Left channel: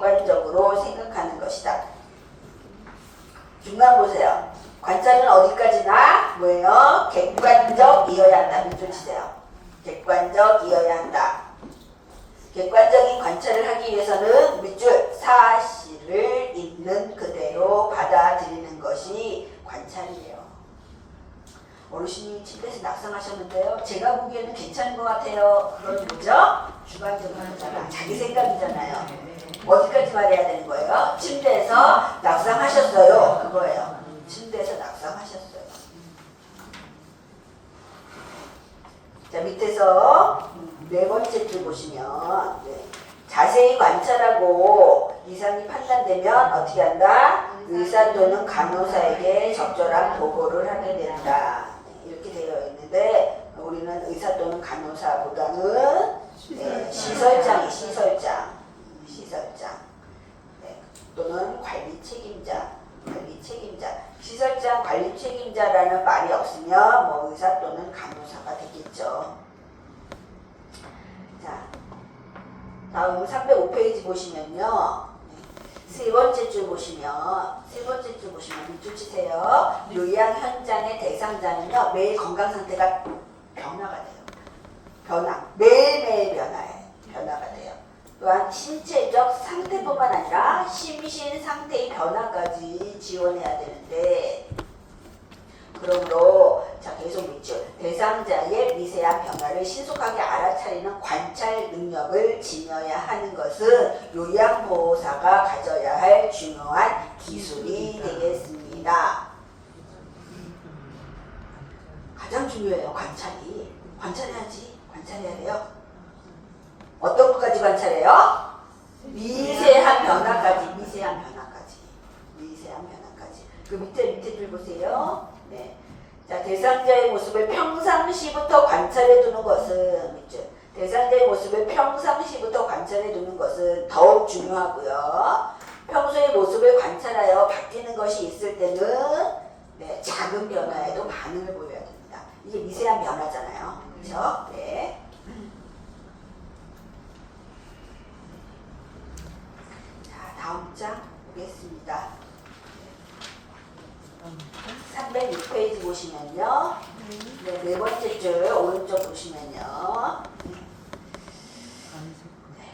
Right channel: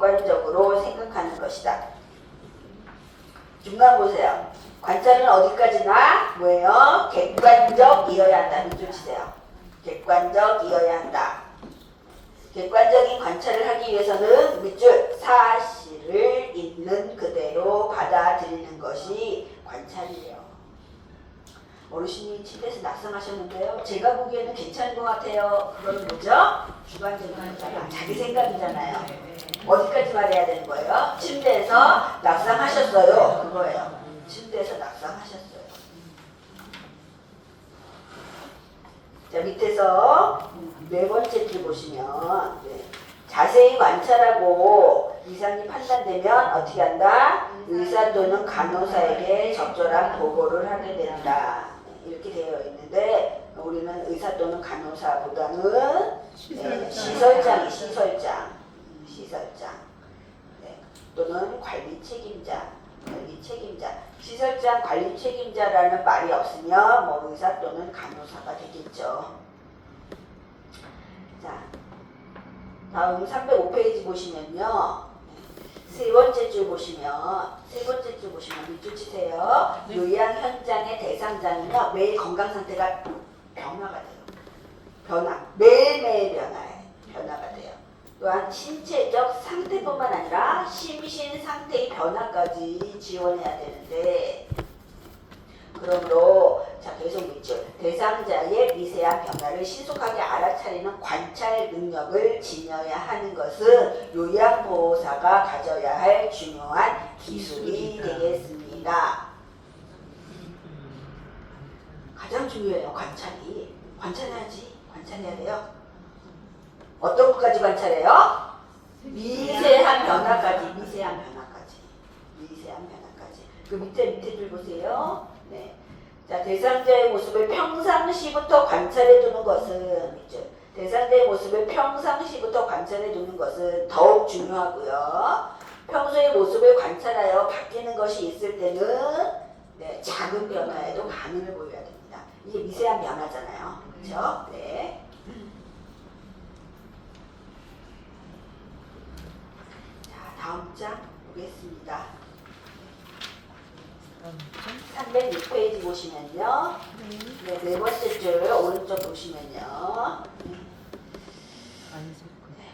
객관적으로 생각하는 것이다. 중간 보세요. 관찰은 어디까지나 뭐예요? 객관적이어야 한다. 밑줄 치세요. 객관적이어야 한다. 객관적인 관찰을 하기 위해서는 밑줄 사실을 있는 그대로 받아들이는 것이 관찰이에요. 어르신이 침대에서 낙상하셨는데요. 제가 보기에는 괜찮은 것 같아요. 그건 뭐죠? 주관적인 거잖아. 자기 생각이잖아요. 어디까지 말해야 되는 거예요? 침대에서 낙상하셨어요. 그거예요. 침대에서 낙상하셨어요. 자, 밑에서 네 번째 줄 보시면 자세히 관찰하고 이상이 판단되면 어떻게 한다? 의사 또는 간호사에게 적절한 보고를 하게 된다. 이렇게 되어 있는데 우리는 의사 또는 간호사보다는 시설장. 또는 관리 책임자. 시설장 관리 책임자라는 말이 없으면 뭐 의사 또는 간호사가 되겠죠. 자, 다음 305페이지 보시면요. 세 번째 줄 보시면 밑줄 치세요. 요양 현장의 대상자는요. 매일 건강 상태가 변화가 돼요. 매일매일 변화가 돼요. 또한 신체적 상태뿐만 아니라 심신 상태의 변화까지 지원해야 되는데 그러므로 자 계속 밑줄 대상자의 미세한 변화를 신속하게 알아차리는 관찰 능력을 지녀야 하는 것은 요양보호사가 가져야 할 중요한 기술이 되겠습니다. 가장 중요해요. 관찰해야 돼요. 어떤 것까지 관찰해요? 미세한 변화까지. 그 밑에 줄 보세요. 네. 자, 대상자의 모습을 평상시부터 관찰해 두는 것은 더욱 중요하고요. 평소의 모습을 관찰하여 바뀌는 것이 있을 때는 작은 변화에도 반응을 보여야 됩니다. 이게 미세한 변화잖아요. 그렇죠? 네. 자, 다음 장 보겠습니다. 306페이지 보시면요. 네 번째 줄 오른쪽 보시면요.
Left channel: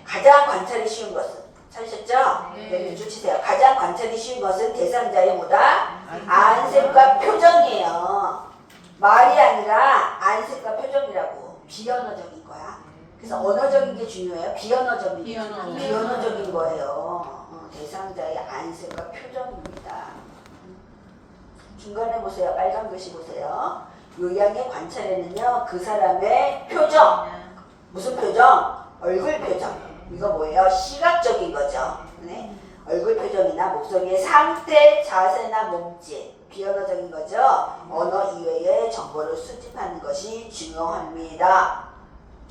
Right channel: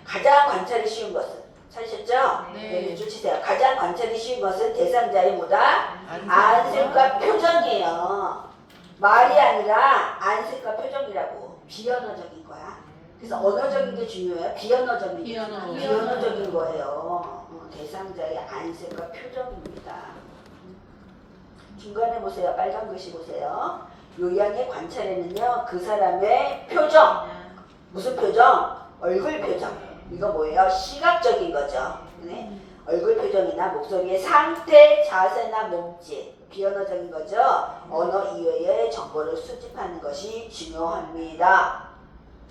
가장 관찰이 쉬운 것은 찾으셨죠? 네, 밑줄 치세요. 가장 관찰이 쉬운 것은 대상자의 뭐다? 안색과 표정이에요. 말이 아니라 안색과 표정이라고. 비언어적인 거야. 그래서 언어적인 게 중요해요. 비언어적인 거예요. 대상자의 안색과 표정입니다. 중간에 보세요. 빨간 글씨 보세요. 요양의 관찰에는요. 그 사람의 표정. 무슨 표정? 얼굴 표정. 이거 뭐예요? 시각적인 거죠. 네? 얼굴 표정이나 목소리의 상태, 자세나 몸짓. 비언어적인 거죠. 언어 이외의 정보를 수집하는 것이 중요합니다.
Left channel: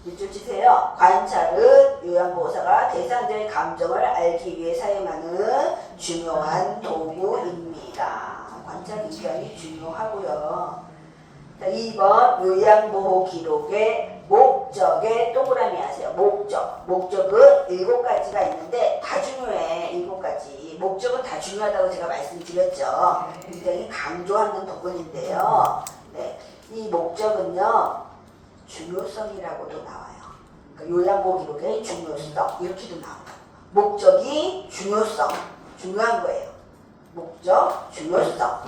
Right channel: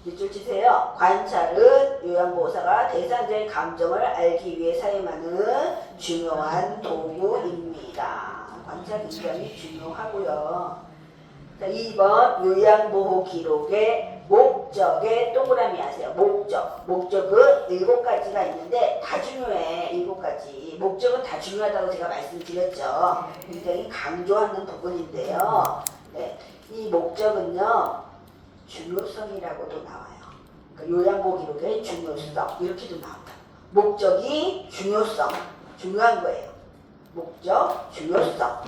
밑줄 치세요. 관찰은 요양보호사가 대상자의 감정을 알기 위해 사용하는 중요한 도구입니다. 관찰 굉장히 중요하고요. 자, 2번 요양보호 기록의 목적에 동그라미 하세요. 목적은 7가지가 있는데 다 중요해. 7가지. 목적은 다 중요하다고 제가 말씀드렸죠. 굉장히 강조하는 부분인데요. 네, 이 목적은요. 중요성이라고도 나와요. 그러니까 요양보호 기록의 중요성 이렇게도 나옵니다. 목적이 중요성. 중요한 거예요. 목적, 중요성.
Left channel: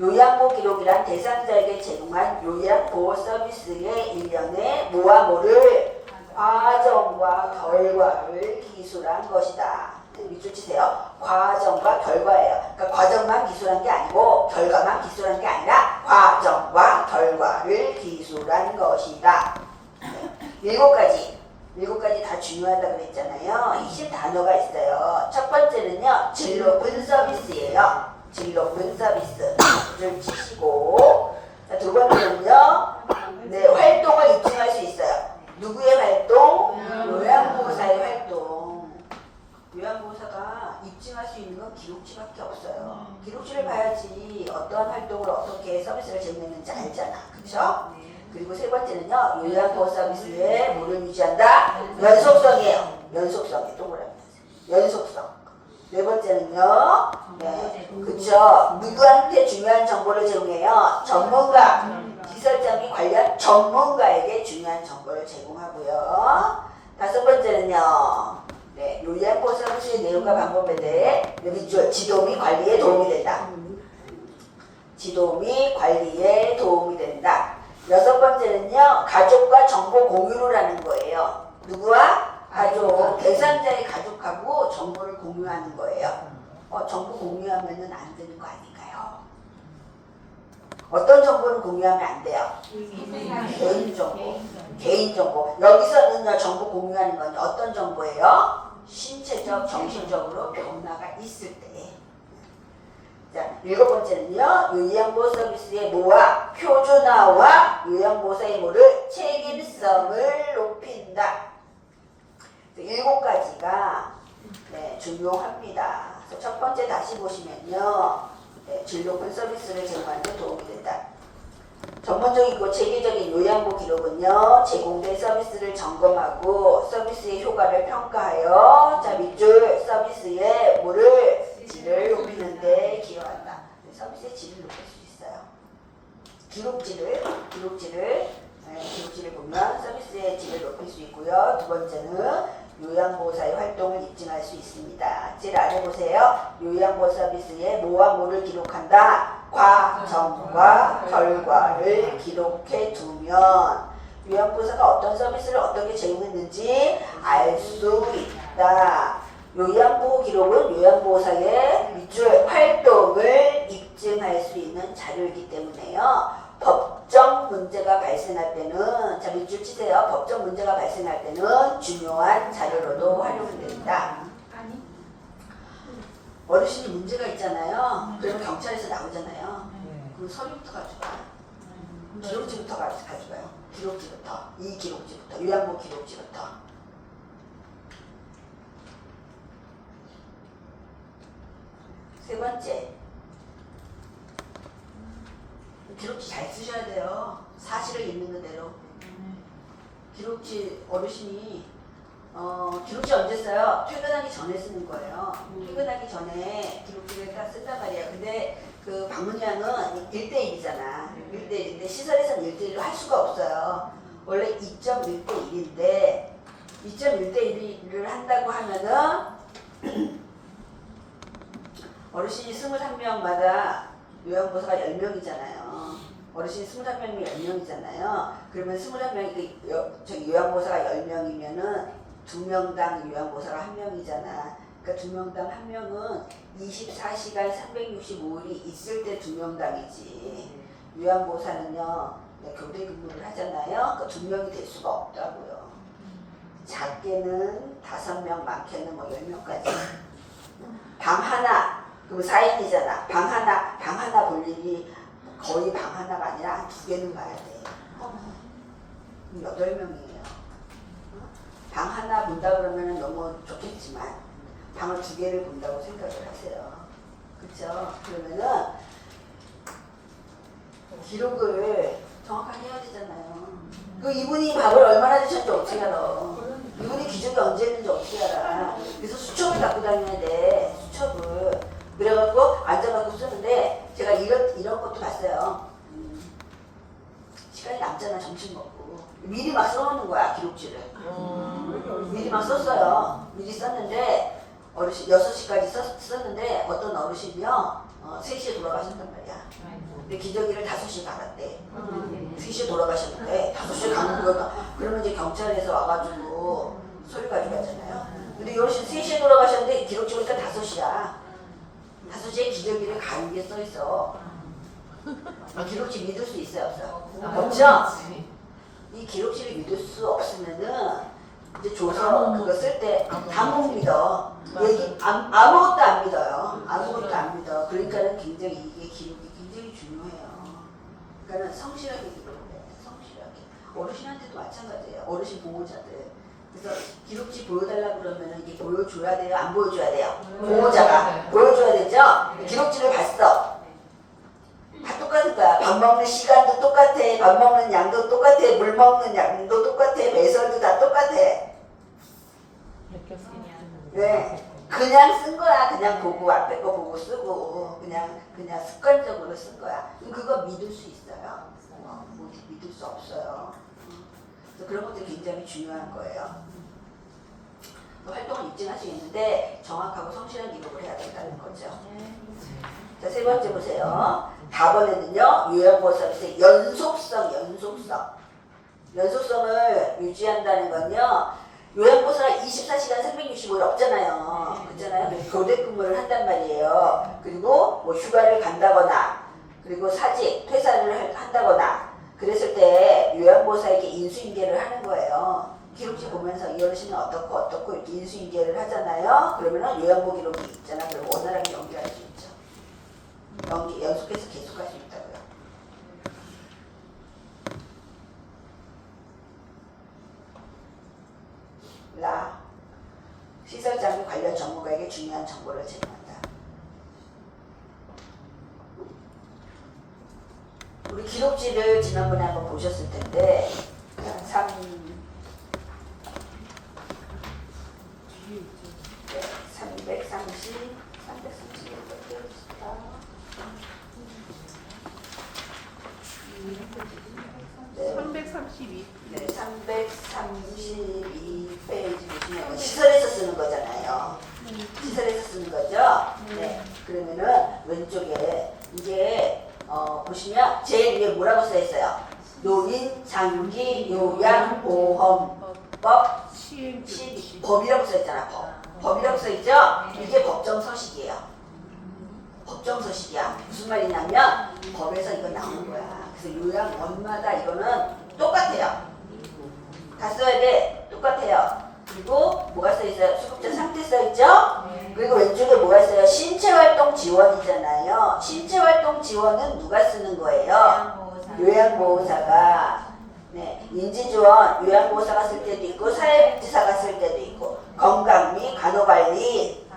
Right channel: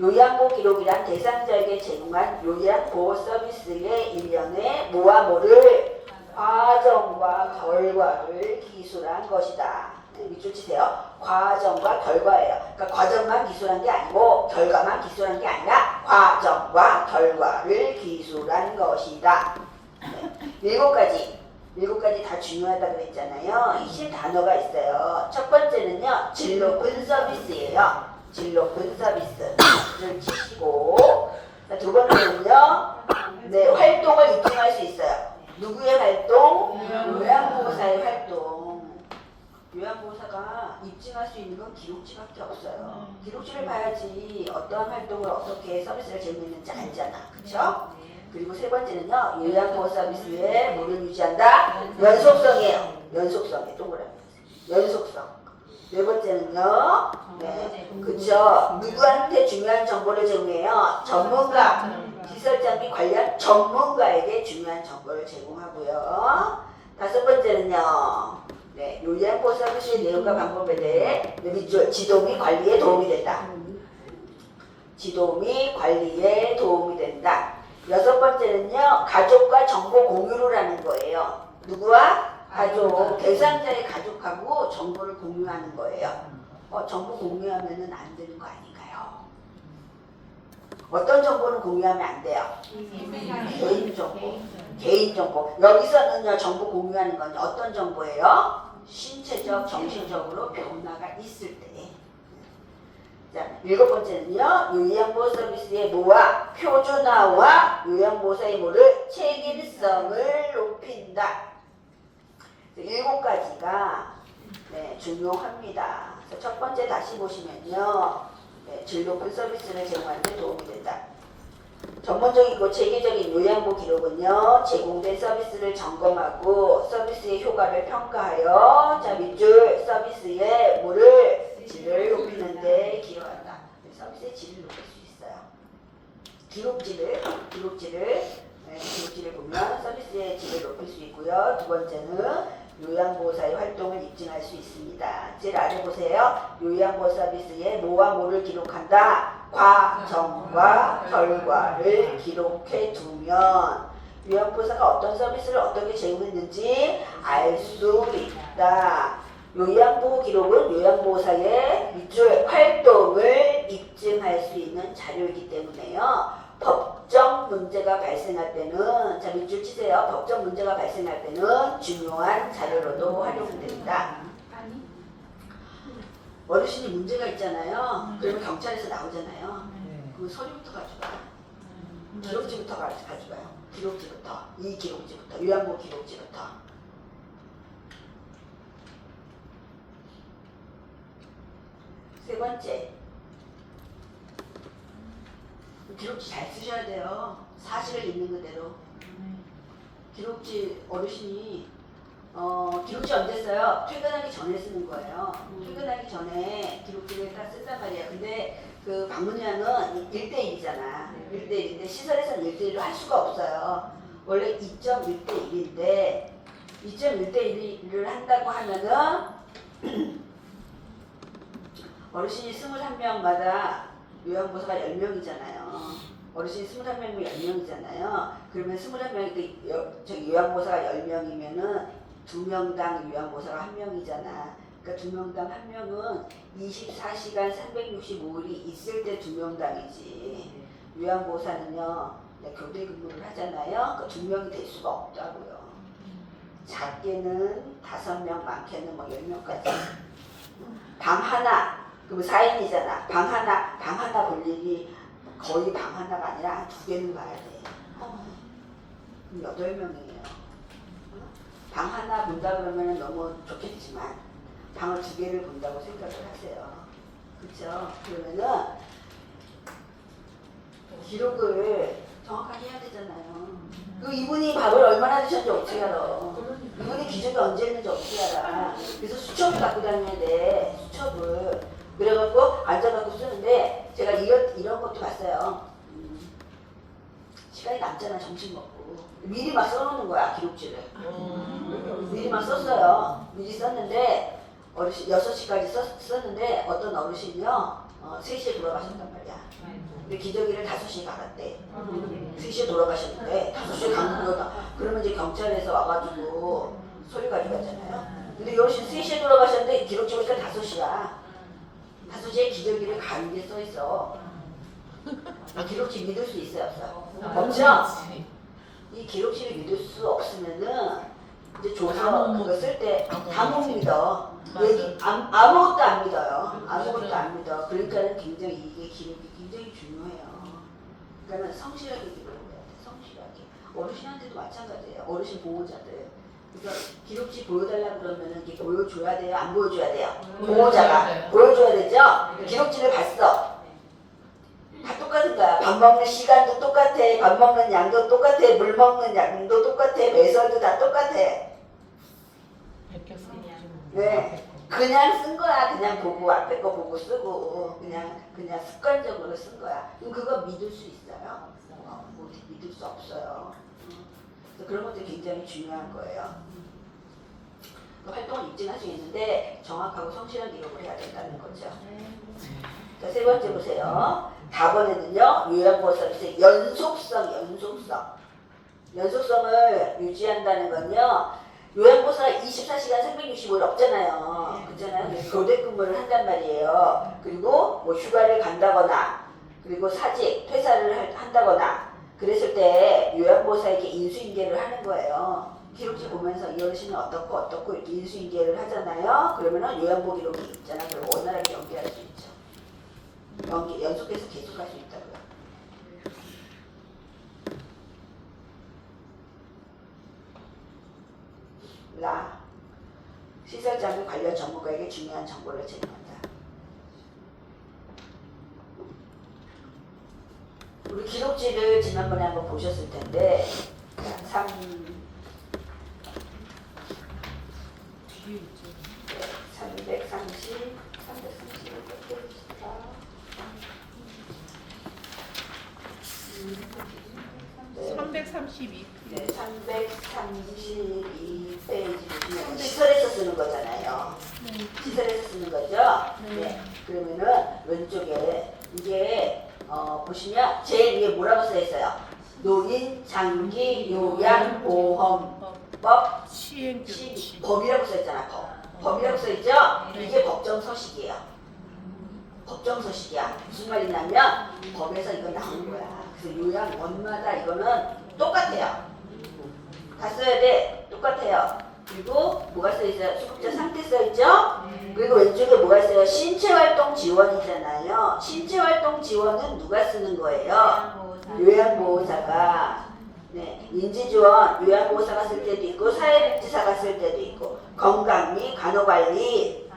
요양보호 기록이란 대상자에게 제공한 요양보호 서비스의 일련의 모아모를 과정과 결과를 기술한 것이다. 밑줄 치세요. 과정과 결과예요. 그러니까 과정만 기술한 게 아니고 결과만 기술한 게 아니라 과정과 결과를 기술한 것이다. 7가지 다 중요하다고 그랬잖아요. 20단어가 있어요. 첫 번째는요. 질 높은 서비스예요. 질 높은 서비스. 좀 치시고. 자, 두 번째는요. 네, 활동을 입증할 수 있어요. 누구의 활동? 요양보호사의 활동. 요양보호사가 입증할 수 있는 건 기록지밖에 없어요. 기록지를 봐야지 어떠한 활동을 어떻게 서비스를 제공했는지 알잖아. 그쵸? 그리고 세 번째는요. 요양보호 서비스에 뭐를 유지한다? 연속성이에요. 연속성이 동그라미. 연속성. 네 번째는요. 네, 그쵸. 누구한테 중요한 정보를 제공해요? 전문가. 기설자 및 관련 전문가에게 중요한 정보를 제공하고요. 다섯 번째는요. 네, 요양보 서비스의 내용과 방법에 대해 지도 및 관리에 도움이 된다. 지도 및 관리에 도움이 된다. 여섯 번째는요. 가족과 정보 공유를 하는 거예요. 누구와? 가족. 대상자의 가족하고 정보를 공유하는 거예요. 정보 공유하면은 안 되는 거 아닌가요? 어떤 정보를 공유하면 안 돼요? 개인정보. 개인정보. 여기서는요. 정보 공유하는 건 어떤 정보예요? 신체적, 정신적으로 변화가 있을 때. 자, 일곱 번째는요. 요양보 서비스의 모와 표준화와 요양보호사의 모를 책임성을 높인다. 일곱 가지가 네, 중요합니다. 첫 번째 다시 보시면요. 네, 질 높은 서비스를 제공하는 데 도움이 된다. 전문적이고 체계적인 요양보 기록은요. 제공된 서비스를 점검하고 서비스의 효과를 평가하여 자 밑줄 서비스의 뭐를 질을 높이는 데 기여한다. 서비스의 질을 높일 수 있어요. 기록질을 보면 서비스의 질을 높일 수 있고요. 두 번째는 요양보호사의 활동을 입증할 수 있습니다. 제일 아래 보세요. 요양보호 서비스의 뭐와 뭐를 기록한다. 과정과 결과를 기록해 두면 요양보호사가 어떤 서비스를 어떻게 제공했는지 알 수 있다. 요양보호 기록은 요양보호사의 밑줄 활동을 입증할 수 있는 자료이기 때문에요. 법적 문제가 발생할 때는 자 밑줄 치세요. 법적 문제가 발생할 때는 중요한 자료로도 활용된다. 어르신이 문제가 있잖아요. 그러면 경찰에서 나오잖아요. 그럼 서류부터 가져가. 기록지부터 가져가요. 기록지부터. 이 기록지부터. 요양보 기록지부터. 세 번째. 기록지 잘 쓰셔야 돼요. 사실을 있는 그대로. 기록지 어르신이 기록지 언제 써요? 퇴근하기 전에 쓰는 거예요. 퇴근하기 전에 기록지를 딱 쓴단 말이에요. 근데 그 방문량은 1대1이잖아. 1대1인데 시설에서는 1대1을 할 수가 없어요. 원래 2.1대1인데 2.1대1을 한다고 하면은 어르신이 21명마다 요양보호사가 10명이잖아요. 어르신 21명이면 10명이잖아요. 그러면 21명이 저기 요양보호사가 10명이면은 2명당 요양보호사가 1명이잖아. 그러니까 2명당 1명은 24시간 365일이 있을 때 2명당이지. 요양보호사는요, 교대 근무를 하잖아요. 그러니까 2명이 될 수가 없다고요. 작게는 5명, 많게는 뭐 10명까지. 방 하나, 그럼 4인이잖아. 방 하나 볼 일이 거의 방 하나가 아니라 한 2개는 가야 돼. 그럼 8명이에요. 방 하나 본다 그러면 너무 좋겠지만 방을 2개를 본다고 생각을 하세요. 그렇죠? 그러면은 기록을 정확하게 해야 되잖아요. 그 이분이 밥을 얼마나 드셨는지 어떻게 알아? 이분이 기저귀 언제 했는지 어떻게 알아? 그래서 수첩을 갖고 다녀야 돼. 수첩을. 그래갖고 앉아갖고 쓰는데 제가 이런 것도 봤어요. 시간이 남잖아. 점심 먹고 미리 막 써놓는 거야. 기록지를. 미리 막 썼어요. 미리 썼는데 어르신 6시까지 썼는데 어떤 어르신이요 3시에 돌아가셨단 말이야. 근데 기저귀를 5시에 갈았대. 3시에 돌아가셨는데 5시에 가는 거다. 그러면 이제 경찰에서 와가지고 소리 가지고 가잖아요. 근데 이 어르신 3시에 돌아가셨는데 기록지 보니까 5시야. 5시에 기저귀를 가는 게 써있어. 이 기록지 믿을 수 있어요? 없어요? 없죠? 이 기록지를 믿을 수 없으면은 이제 조서 그거 쓸 때 다 못 믿어. 아무것도 안 믿어요. 아무것도 안 믿어. 그러니까는 굉장히 이게 기록이 굉장히 중요해요. 그러니까는 성실하게 기록을 해야 돼. 성실하게. 어르신한테도 마찬가지예요. 어르신 보호자들. 그래서 기록지 보여달라 그러면은 이게 보여줘야 돼요? 안 보여줘야 돼요? 보호자가 보여줘야 되죠? 기록지를 봤어. 다 똑같은 거야. 밥 먹는 시간도 똑같아. 밥 먹는 양도 똑같아. 물 먹는 양도 똑같아. 배설도 다 똑같아. 네, 그냥 쓴 거야. 그냥 보고 앞에 거 보고 쓰고 그냥 습관적으로 쓴 거야. 그거 믿을 수 있어요? 믿을 수 없어요. 그런 것도 굉장히 중요한 거예요. 활동을 입증할 수 있는데 정확하고 성실한 기록을 해야 된다는 거죠. 자, 세 번째 보세요. 다번에는요, 요양보호 서비스의 연속성을 유지한다는 건요, 요양보호사가 24시간 365일 없잖아요. 그렇잖아요. 그래서 교대 근무를 한단 말이에요. 그리고 뭐 휴가를 간다거나, 그리고 사직, 퇴사를 한다거나, 그랬을 때 요양보호사에게 인수인계를 하는 거예요. 기록지 보면서 이 어르신은 어떻고 이렇게 인수인계를 하잖아요. 그러면은 요양보호 기록이 있잖아. 그리고 원활하게 연계할 수 있죠. 연속해서 계속할 수 있다고요. 시설 장비 관련 전문가에게 중요한 정보를 제공한다. 우리 기록지를 지난번에 한번 보셨을 텐데 332. 네, 332페이지 보시면 시설에서 쓰는 거잖아요. 시설에서 쓰는 거죠. 네. 그러면은 왼쪽에 이게 보시면 제일 위에 뭐라고 써 있어요? 노인 장기 요양 보험법 시행 법이라고 써 있잖아. 법이라고 써 있죠. 이게 법정 서식이에요. 법정 서식이야. 무슨 말이냐면 법에서 이거 나온 거야. 그래서 요양원마다 이거는 똑같아요. 다 써야 돼. 똑같아요. 그리고 뭐가 써 있어요? 수급자 상태 써 있죠? 그리고 왼쪽에 뭐가 있어요? 신체활동 지원이잖아요. 신체활동 지원은 누가 쓰는 거예요? 요양보호사가. 네, 인지지원 요양보호사가 쓸 때도 있고 사회복지사가 쓸 때도 있고 건강 및 간호관리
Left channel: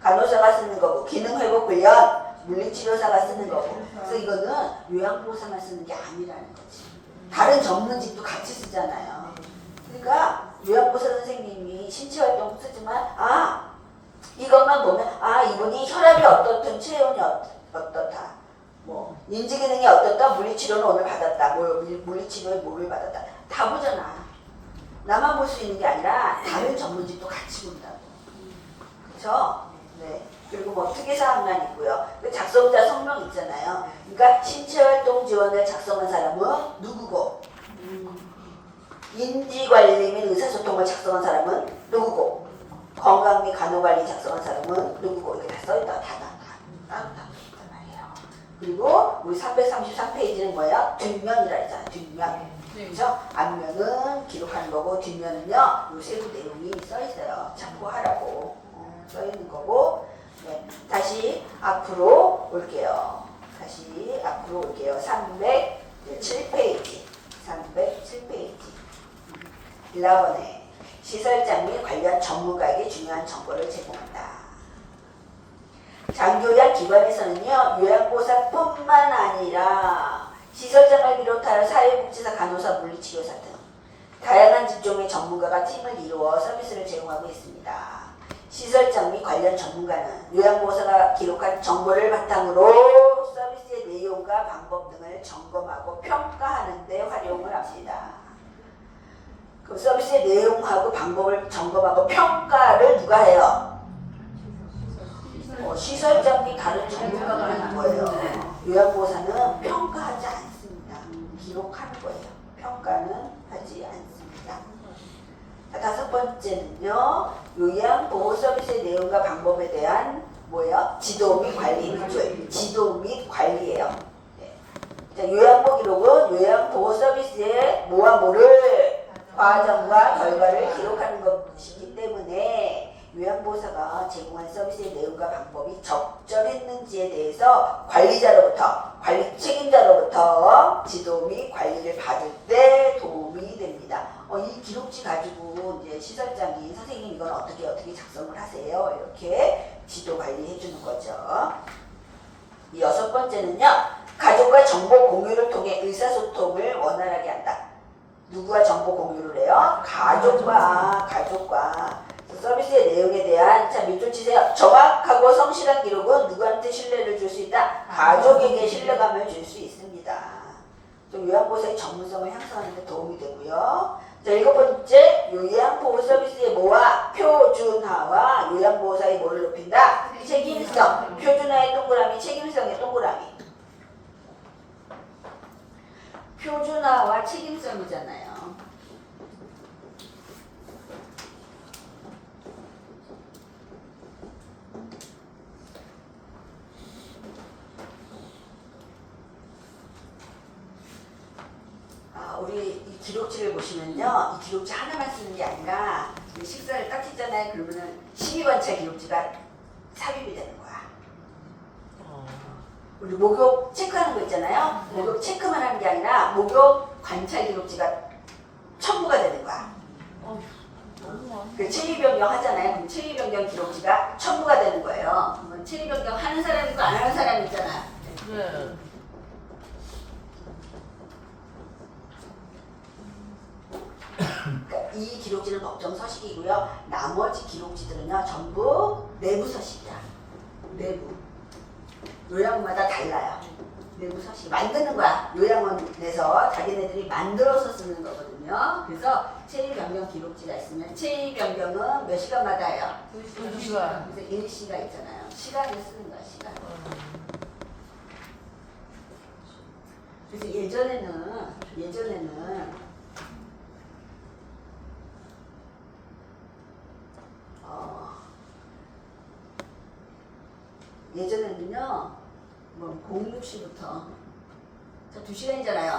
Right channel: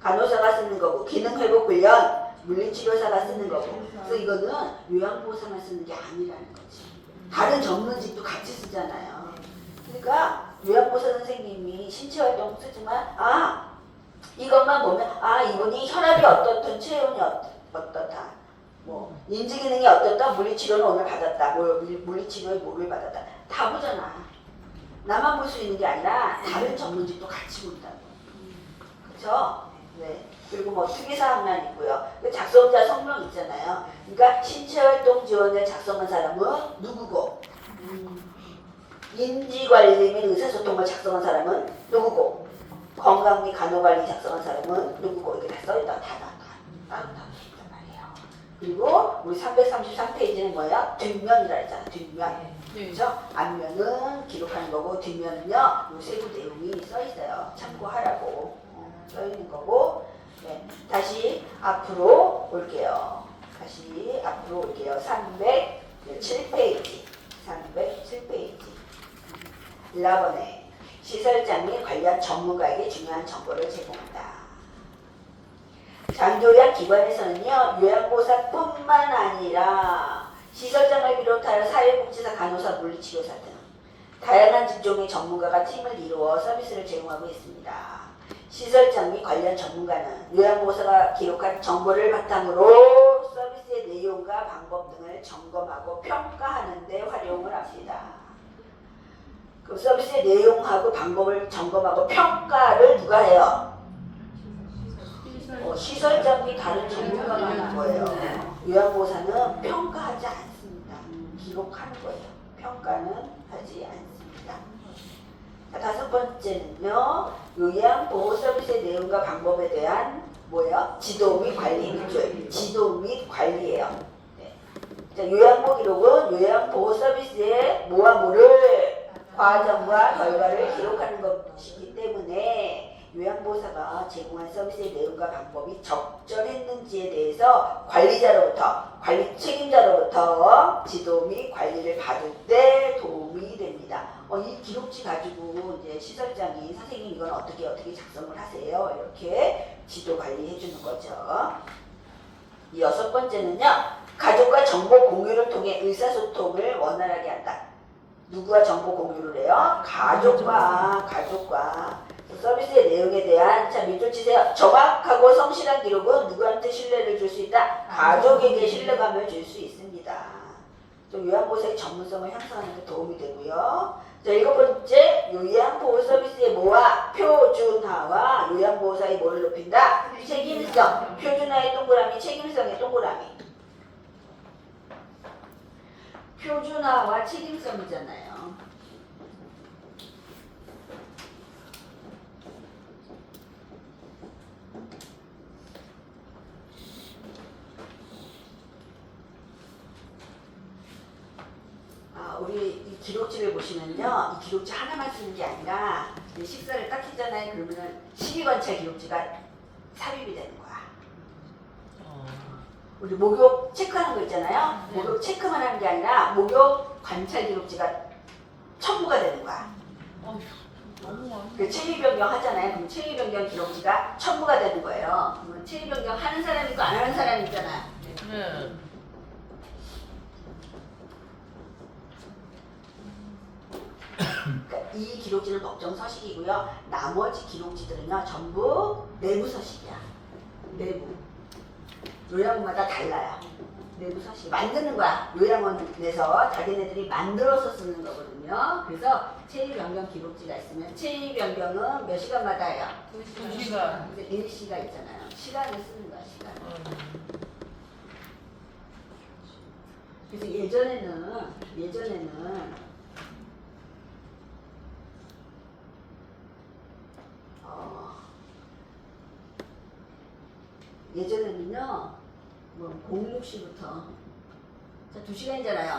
간호사가 쓰는 거고 기능회복훈련 물리치료사가 쓰는 거고. 그래서 이거는 요양보호사만 쓰는 게 아니라는 거지. 다른 전문직도 같이 쓰잖아요. 그러니까 요양보호사 선생님이 신체활동 쓰지만 이것만 보면 이분이 혈압이 어떻든 체온이 어떻다, 뭐 인지기능이 어떻다, 물리치료는 오늘 받았다, 물리치료에 뭐를 받았다 다 보잖아. 나만 볼 수 있는 게 아니라 다른 전문직도 같이 본다고. 그렇죠? 네. 그리고 뭐 특이사항만 있고요. 작성자 성명 있잖아요. 그러니까 신체활동 지원을 작성한 사람은 누구고, 인지관리 및 의사소통을 작성한 사람은 누구고, 건강 및 간호관리 작성한 사람은 누구고, 이렇게 다 써있다. 따로 있단 말이에요. 그리고 우리 333페이지는 뭐야? 뒷면이라 했잖아. 뒷면. 그렇죠? 앞면은 기록하는 거고 뒷면은요, 요 세부 내용이 써있어요. 참고하라고 써있는 거고. 네, 다시 앞으로 올게요. 307페이지. 307페이지. 1번에 시설장 및 관련 전문가에게 중요한 정보를 제공한다. 장교양 기관에서는요, 요양보호사뿐만 아니라 시설장을 비롯하여 사회복지사, 간호사, 물리치료사 등 다양한 직종의 전문가가 팀을 이루어 서비스를 제공하고 있습니다. 시설장 및 관련 전문가는 요양보호사가 기록한 정보를 바탕으로 서비스의 내용과 방법 등을 점검하고 평가하는 데 활용을 합니다. 그 서비스의 내용하고 방법을 점검하고 평가를 누가 해요? 시설장 및 다른 전문가가 하는 거예요. 요양보호사는 평가하지 않습니다. 기록하는 거예요. 평가는 하지 않습니다. 다섯 번째는요, 요양보호 서비스의 내용과 방법에 대한 지도 및 관리. 그렇죠? 지도 및 관리예요. 네. 자, 요양보호 기록은 요양보호 서비스의 뭐와 뭐를 과정과 결과를 기록하는 것이기 때문에 요양보호사가 제공한 서비스의 내용과 방법이 적절했는지에 대해서 관리 책임자로부터 지도 및 관리를 받을 때 도움이 됩니다. 이 기록지 가지고 이제 시설장이 선생님 이건 어떻게 작성을 하세요? 이렇게 지도 관리해 주는 거죠. 이 여섯 번째는요, 가족과 정보 공유를 통해 의사소통을 원활하게 한다. 누구와 정보 공유를 해요? 가족과. 서비스의 내용에 대한 자 밑줄 치세요. 정확하고 성실한 기록은 누구한테 신뢰를 줄 수 있다? 가족에게 신뢰감을 줄 수 있습니다. 좀 요양보호사의 전문성을 향상하는 데 도움이 되고요. 자, 7번째, 요양보호 서비스의 뭐와 표준화와 요양보호사의 뭐를 높인다? 책임성. 표준화의 동그라미, 책임성의 동그라미. 표준화와 책임성이잖아요. 우리 이 기록지를 보시면요, 이 기록지 하나만 쓰는 게 아니라 이 식사를 딱 했잖아요. 그러면은 12관찰 기록지가 삽입이 되는 거야. 우리 목욕 체크하는 거 있잖아요. 목욕 체크만 하는 게 아니라 목욕 관찰 기록지가 첨부가 되는 거야. 그 체위 변경 하잖아요. 그럼 체위 변경 기록지가 첨부가 되는 거예요. 체위 변경 하는 사람이 있고 안 하는 사람이 있잖아. 그러니까 이 기록지는 법정 서식이고요. 나머지 기록지들은요 전부 내부 서식이야. 내부. 요양원마다 달라요. 내부 서식 만드는 거야. 요양원에서 자기네들이 만들어서 쓰는 거거든요. 그래서 체위 변경 기록지가 있으면 체위 변경은 몇 시간마다 해요? 2시간. 그래서 1시가 있잖아요. 시간을 쓰는 거야. 시간. 그래서 예전에는 예전에는요, 뭐 06시부터 자 2시간이잖아요.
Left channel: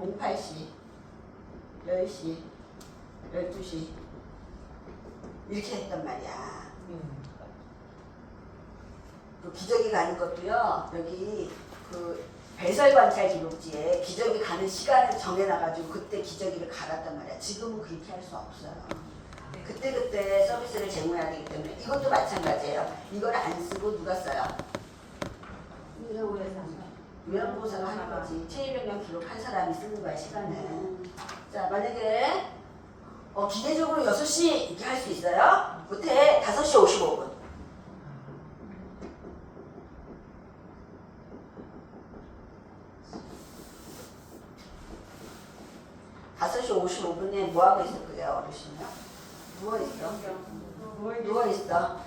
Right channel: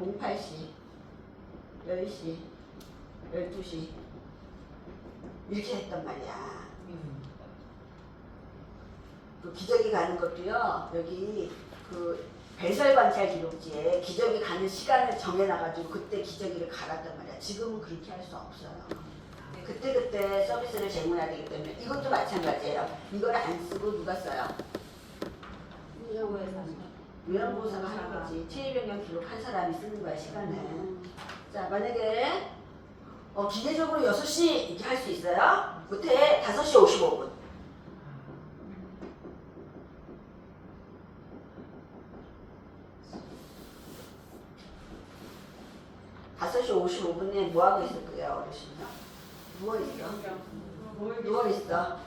08시, 10시, 12시 이렇게 했단 말이야. 그 기저귀 가는 것도요, 여기 그 배설 관찰 기록지에 기저귀 가는 시간을 정해놔가지고 그때 기저귀를 갈았단 말이야. 지금은 그렇게 할 수 없어요. 그때그때 서비스를 제공해야 되기 때문에 이것도 마찬가지예요. 이걸 안 쓰고 누가 써요? 요양보호사가 하는 거지. 체위 변경 기록한 사람이 쓰는 거야, 시간을. 자, 만약에 기계적으로 6시 이렇게 할 수 있어요? 못해. 5시 55분. (5시 55분에) 뭐하고 있었고요, 어르신요? 누워있어. 누워있어.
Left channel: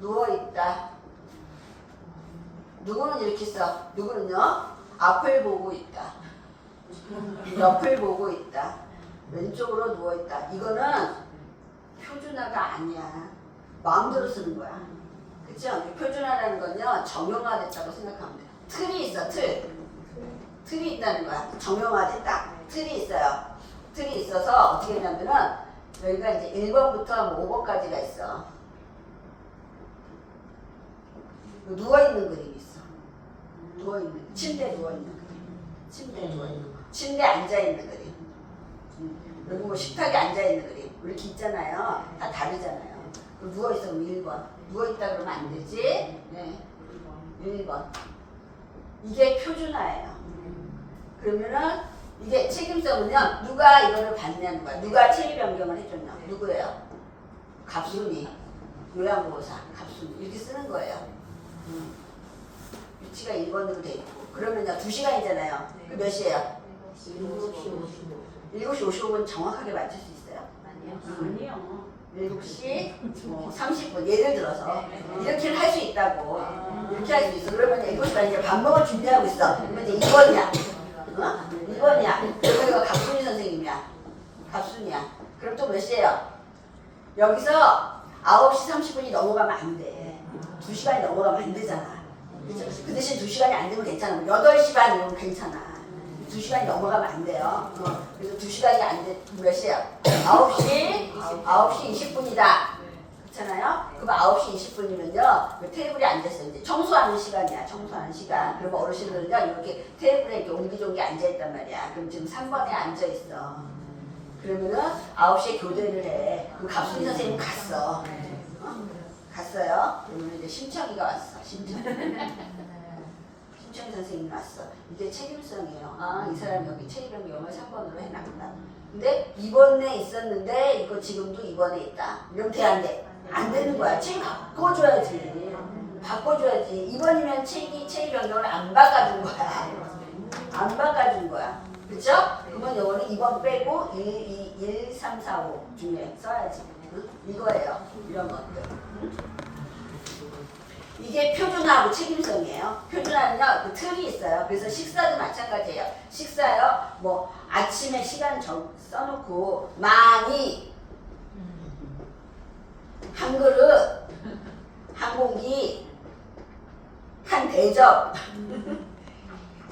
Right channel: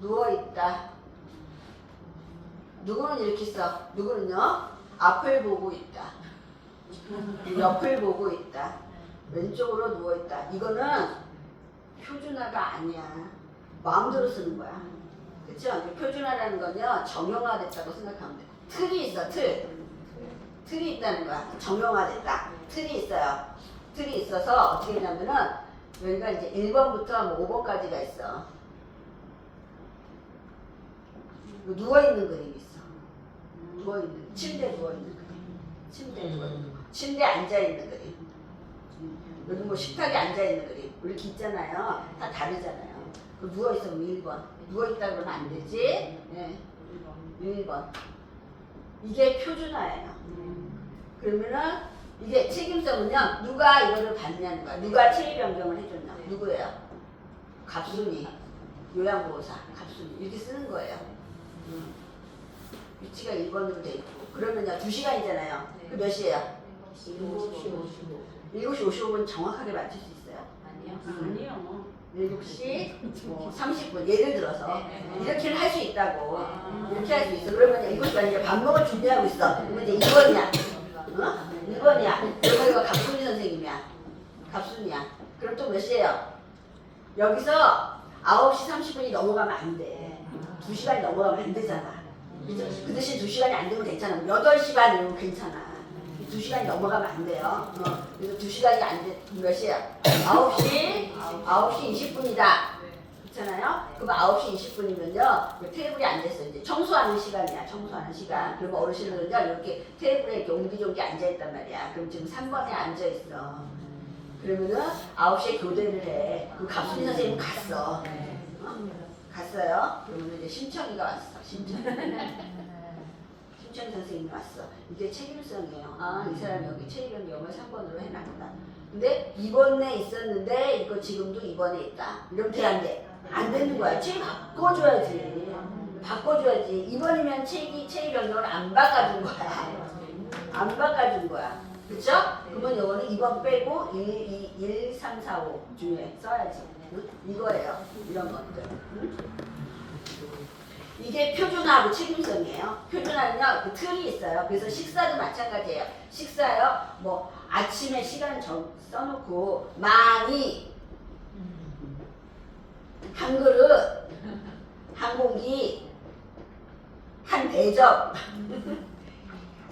누워있다. 누구는 이렇게 써. 누구는요? 앞을 보고 있다. 옆을 보고 있다. 왼쪽으로 누워있다. 이거는 표준화가 아니야. 마음대로 쓰는 거야. 그쵸? 표준화라는 건요, 정형화됐다고 생각하면 돼. 틀이 있어, 틀. 틀이 있다는 거야. 정형화됐다. 틀이 있어요. 틀이 있어서 어떻게 되냐면은 여기가 이제 1번부터 뭐 5번까지가 있어. 누워있는 그림이 있어. 누워있는, 침대에 누워있는 그림. 침대에 누워있는 거. 침대에 앉아있는 그림. 여기 뭐 식탁에 앉아있는 그림. 이렇게 있잖아요. 다 다르잖아요. 누워있으면 1번. 누워있다 그러면 안 되지? 네. 1번. 이게 표준화예요. 그러면은 이게 책임성은요, 누가 이거를 받냐는 거야. 누가 체위 변경을 해줬냐. 누구예요? 갑순이. 요양보호사. 갑순이. 이렇게 쓰는 거예요. 위치가 1번으로 돼 있고. 그러면요, 2시간이잖아요. 그 몇 시에요? 7시 55분 정확하게 맞출 수 있어요? 아니요. 7시 30분. 예를 들어서. 이렇게 할 수 있다고. 이렇게 할 수 있어. 그러면 7시간 이제 밥 먹을 준비하고 있어. 근데 이제 2번이야. 2번이야. 그러면 이거 갑순이 선생님이야. 갑순이야. 그럼 또 몇 시에요? 여기서 9시 30분이 넘어가면 안 돼. 2시간이 넘어가면 안 되잖아. 그쵸? 그 대신 2시간이 안 되면 괜찮아. 8시 반 이러면 괜찮아. 2시간이 넘어가면 안 돼요. 그래서 2시간이 안 돼. 몇 시야? 9시 20분이다. 그렇잖아요? 그럼 9시 20분이면요. 테이블에 앉았어. 이제 청소하는 시간이야. 청소하는 시간. 그러면 어르신들은요. 이렇게 테이블에 이렇게 옹기종기 앉아있단 말이야. 그럼 지금 3번에 앉아있어. 그러면은 9시에 교대를 해. 그럼 갑순이 선생님 갔어. 갔어요. 그러면 이제 심청이가 왔어. 심청이 선생님이 왔어. 이게 책임성이에요. 아, 이 사람이 여기 체위 변경을 3번으로 해놨구나. 근데 2번에 있었는데 이거 지금도 2번에 있다. 이러면 돼, 안 돼? 안 되는 거야. 책이 바꿔줘야지. 바꿔줘야지. 2번이면 책이 변경을 안 바꿔준 거야. 안 바꿔준 거야. 그쵸? 그러면 요거는 2번 빼고 1, 3, 4, 5 중에 써야지. 응? 이거예요. 이런 것들. 응? 이게 표준화하고 책임성이에요. 표준화는요, 그 틀이 있어요. 그래서 식사도 마찬가지예요. 식사요, 뭐 아침에 시간 써놓고 많이 한 그릇, 한 공기, 한 대접.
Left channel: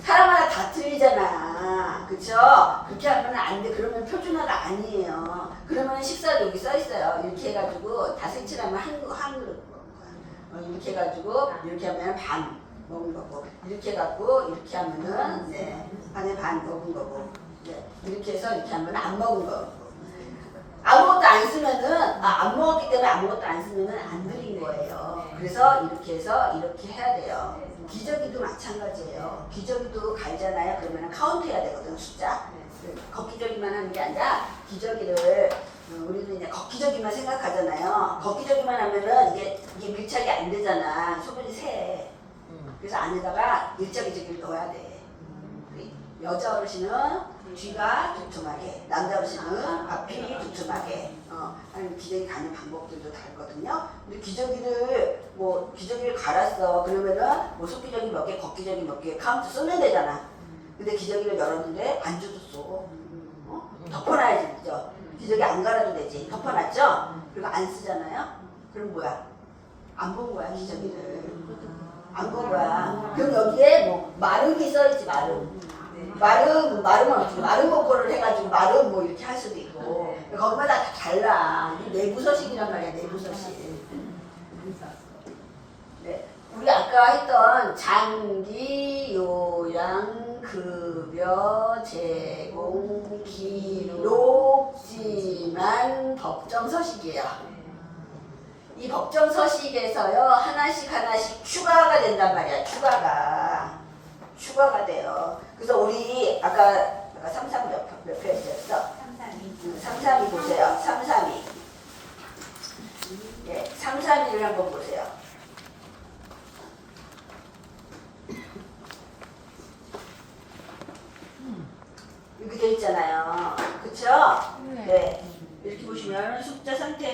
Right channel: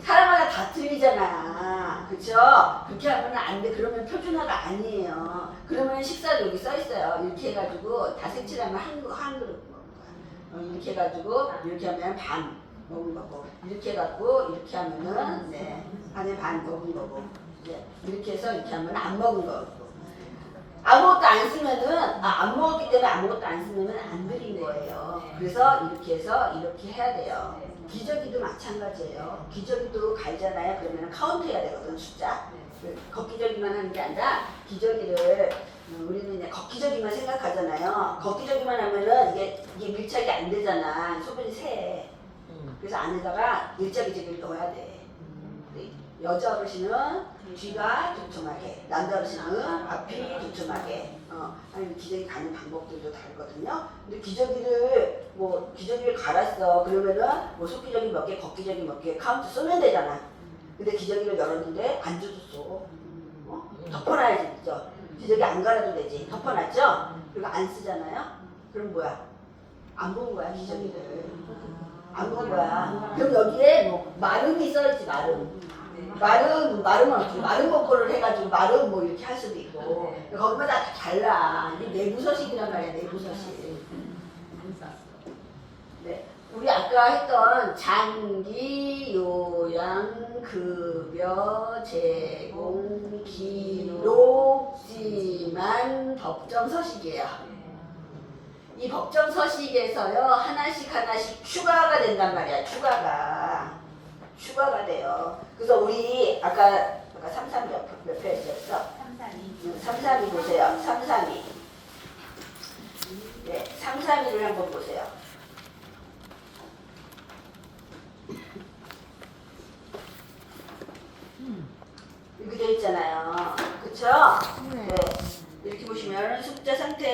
사람마다 다 틀리잖아. 그쵸? 그렇게 하면 안 돼. 그러면 표준화가 아니에요. 그러면 식사도 여기 써 있어요. 이렇게 해가지고 다 색칠하면 한 그릇 먹는 거야. 이렇게 해가지고 이렇게 하면 반 먹은 거고, 이렇게 해갖고 이렇게 하면은 네, 반에 반 먹은 거고, 네, 이렇게 해서 이렇게 하면 안 먹은 거고. 아무것도 안 쓰면은 안 먹었기 때문에 아무것도 안 쓰면은 안 드린 거예요. 그래서 이렇게 해서 이렇게 해야 돼요. 기저귀도 마찬가지예요. 기저귀도 갈잖아요. 그러면 카운트해야 되거든, 숫자. 걷기저귀만 하는 게 아니라 기저귀를 우리는 이제 걷기저귀만 생각하잖아요. 걷기저귀만 하면은 이게 밀착이 안 되잖아. 소변이 새. 그래서 안에다가 밀착기저귀를 넣어야 돼. 여자 어르신은 뒤가 두툼하게, 남자 어르신은 앞이 두툼하게. 아니 기저귀 가는 방법들도 다르거든요. 근데 기저귀를 갈았어. 그러면은 뭐 속기저귀 몇 개, 걷기저귀 몇 개 카운트 쓰면 되잖아. 근데 기저귀를 열었는데 안 젖었어. 덮어놔야지, 그죠? 기저귀 안 갈아도 되지. 덮어놨죠? 그리고 안 쓰잖아요. 그럼 뭐야? 안 본 거야, 기저귀를. 안 본 거야. 그럼 여기에 뭐 마름이 써있지, 마름. 마름은 어떻게 마름 거꾸를 해가지고 마름 뭐 이렇게 할 수도 있고 거기마다 다 달라. 이게 내부 서식이란 말이야. 내부 서식. 네, 우리 아까 했던 장기, 요양, 급여, 제공, 기록지만 법정 서식이에요. 이 법정 서식에서요 하나씩 추가가 된단 말이야. 추가가 돼요. 그래서 우리 아까 33 몇 페이지였어? 332 보세요. 332. 네, 332를 한번 보세요. 이렇게 돼 있잖아요. 그쵸? 네. 이렇게 보시면 숙제 상태